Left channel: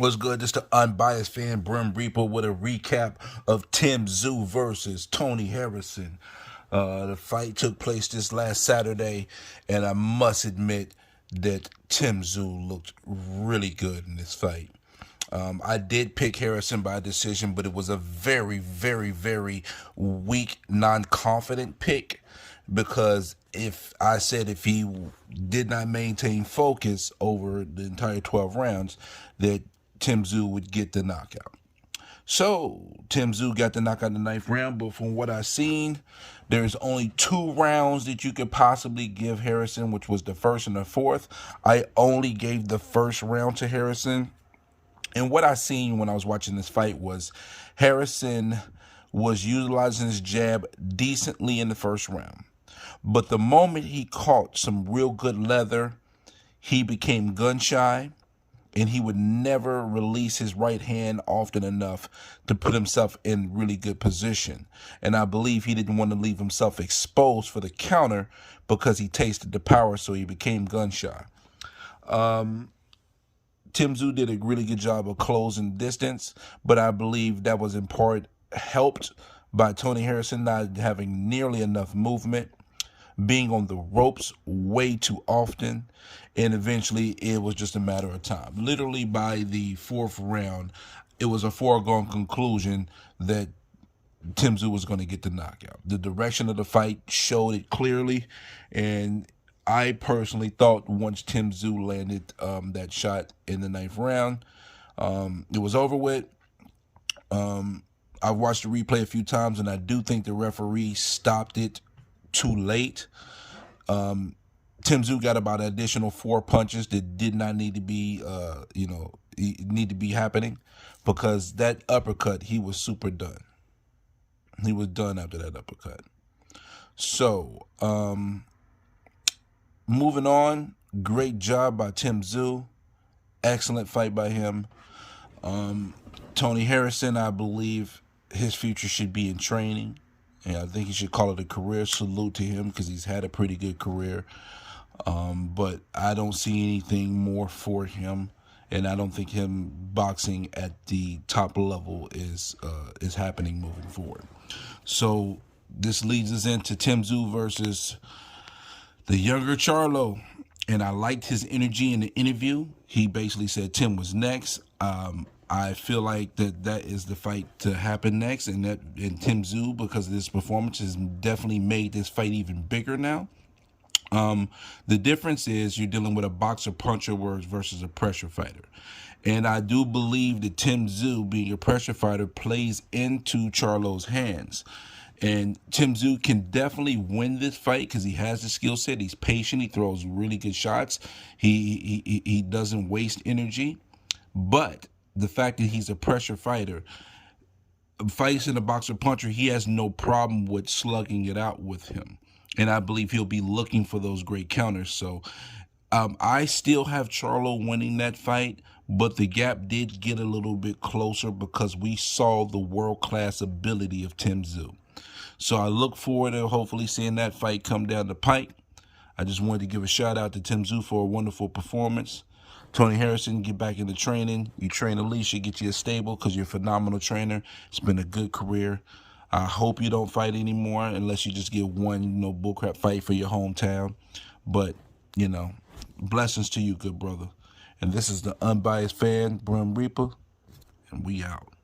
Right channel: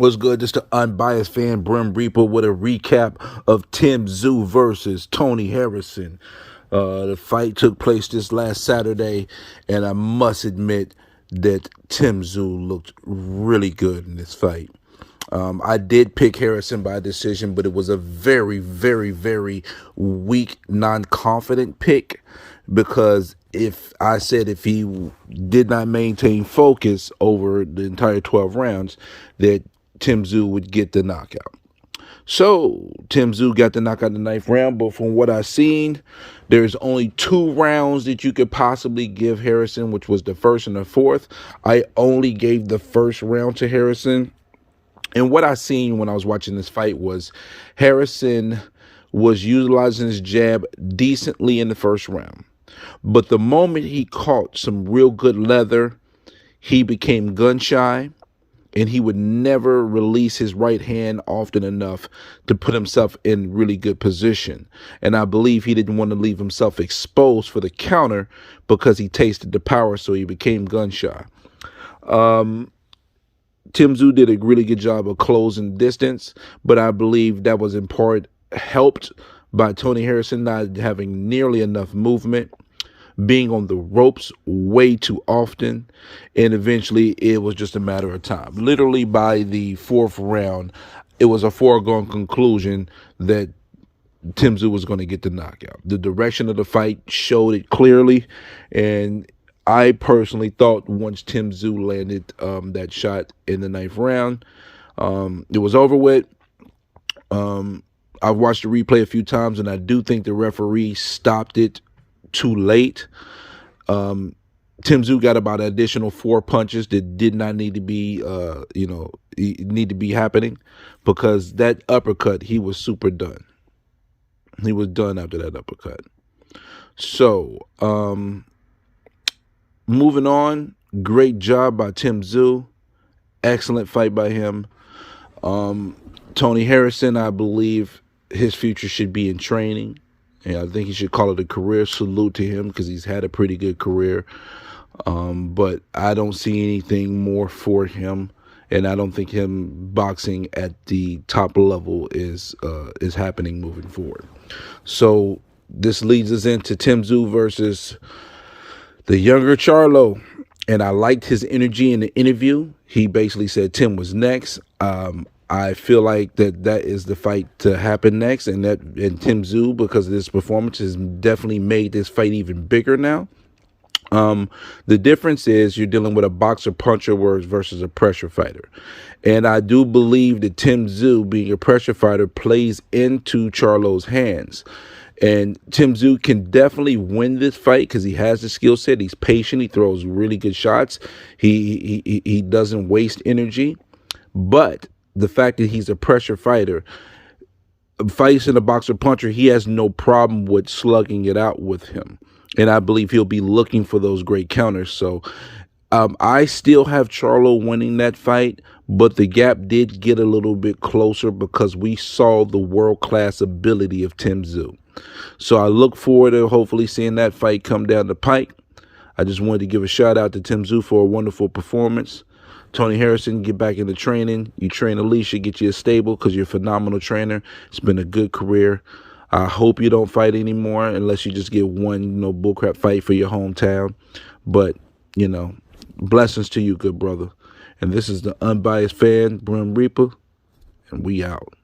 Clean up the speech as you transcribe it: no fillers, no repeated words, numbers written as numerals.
What's good? Just an unbiased fan, Brim Reaper, with a recap of Tszyu versus Tony Harrison. The fight took place this last Saturday, and I must admit that Tszyu looked really good in this fight. I did pick Harrison by decision, but it was a very, very, very weak, non-confident pick because if he did not maintain focus over the entire 12 rounds, that Tszyu would get the knockout. So Tszyu got the knockout in the ninth round, but from what I've seen, there's only 2 rounds that you could possibly give Harrison, which was the first and the fourth. I only gave the first round to Harrison. And what I seen when I was watching this fight was Harrison was utilizing his jab decently in the first round. But the moment he caught some real good leather, he became gun shy, and he would never release his right hand often enough to put himself in really good position. And I believe he didn't want to leave himself exposed for the counter because he tasted the power, so he became gun shy. Tszyu did a really good job of closing distance, but I believe that was in part helped by Tony Harrison not having nearly enough movement, being on the ropes way too often, and eventually it was just a matter of time. Literally by the fourth round, it was a foregone conclusion that Tszyu was going to get the knockout. The direction of the fight showed it clearly, and I personally thought once Tszyu landed that shot in the ninth round, it was over with. I've watched the replay a few times, and I do think the referee stopped it too late. Tszyu got about an additional 4 punches that did not need to be, happening, because that uppercut, he was super done. He was done after that uppercut. So, moving on, great job by Tszyu. Excellent fight by him. Tony Harrison, I believe his future should be in training. And I think he should call it a career. Salute to him because he's had a pretty good career. But I don't see anything more for him. And I don't think him boxing at the top level is happening moving forward. So this leads us into Tszyu versus the younger Charlo. And I liked his energy in the interview. He basically said Tim was next. I feel like that is the fight to happen next, and Tszyu, because of this performance, has definitely made this fight even bigger now. The difference is you're dealing with a boxer puncher versus a pressure fighter. And I do believe that Tszyu, being a pressure fighter, plays into Charlo's hands. And Tszyu can definitely win this fight because he has the skill set. He's patient. He throws really good shots. He doesn't waste energy. But the fact that he's a pressure fighter, facing a boxer puncher, he has no problem with slugging it out with him. And I believe he'll be looking for those great counters. So I still have Charlo winning that fight, but the gap did get a little bit closer because we saw the world-class ability of Tszyu. So I look forward to hopefully seeing that fight come down the pike. I just wanted to give a shout out to Tszyu for a wonderful performance. Tony Harrison, get back into training. You train Alicia, get you a stable because you're a phenomenal trainer. It's been a good career. I hope you don't fight anymore unless you just get one, bullcrap fight for your hometown. But, blessings to you, good brother. And this is the Unbiased Fan, Brim Reaper, and we out.